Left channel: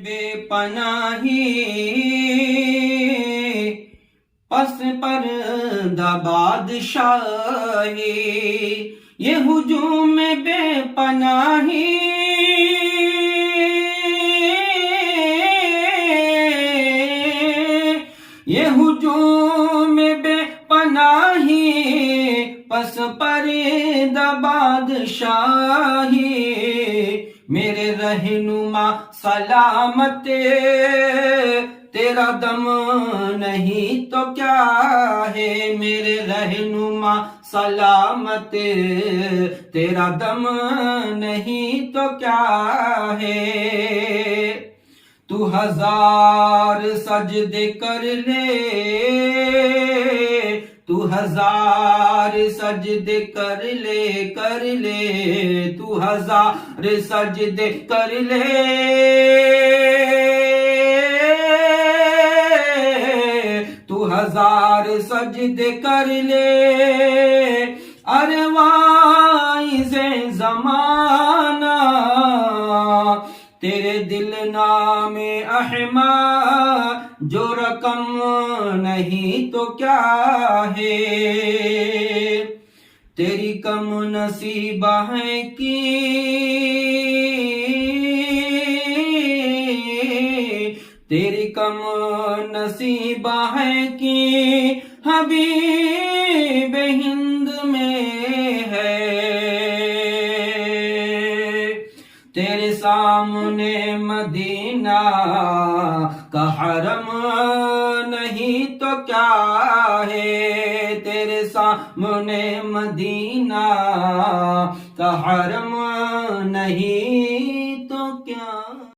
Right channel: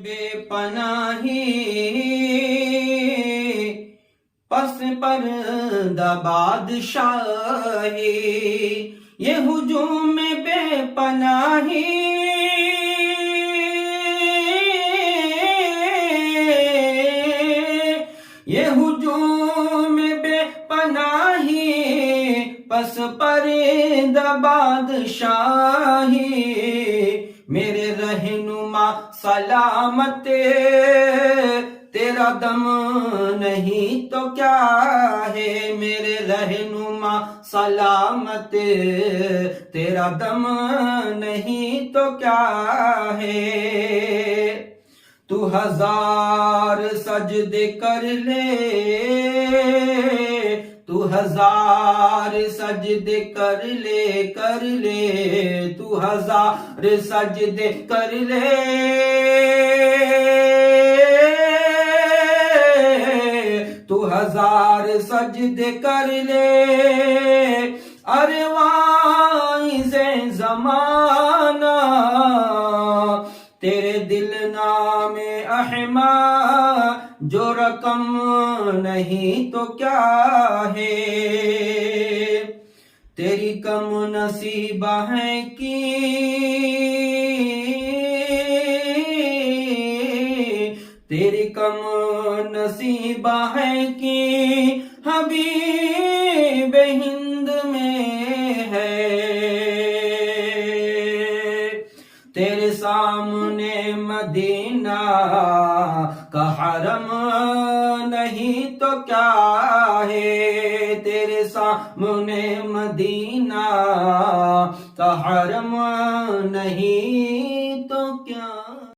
बेपनाही पस पर्दा बादशाही, ये हुजूम बेपनाही ये हुजूम बेपनाही पस पर्दा बादशाही, मेरे रहनुमा सलामत तेरा दम नहीं तो क्या है, मेरे रहनुमा सलामत तेरा दम नहीं तो क्या है। तू हजार सजदे कर ले, तू हजार सजदे कर ले, तू हजार सजदे कर ले, तू हजार सजदे कर ले। अरे वाइज़े ज़माना तेरे दिल नामे अहमद, जो रकम नहीं तो क्या है, तेरी कम नसीबा है कि तेरी कम नसीबा है कि हबीब हिंद में है। तेरे सामने मदीना का हरम नहीं तो क्या है, तेरे सामने मदीना का हरम नहीं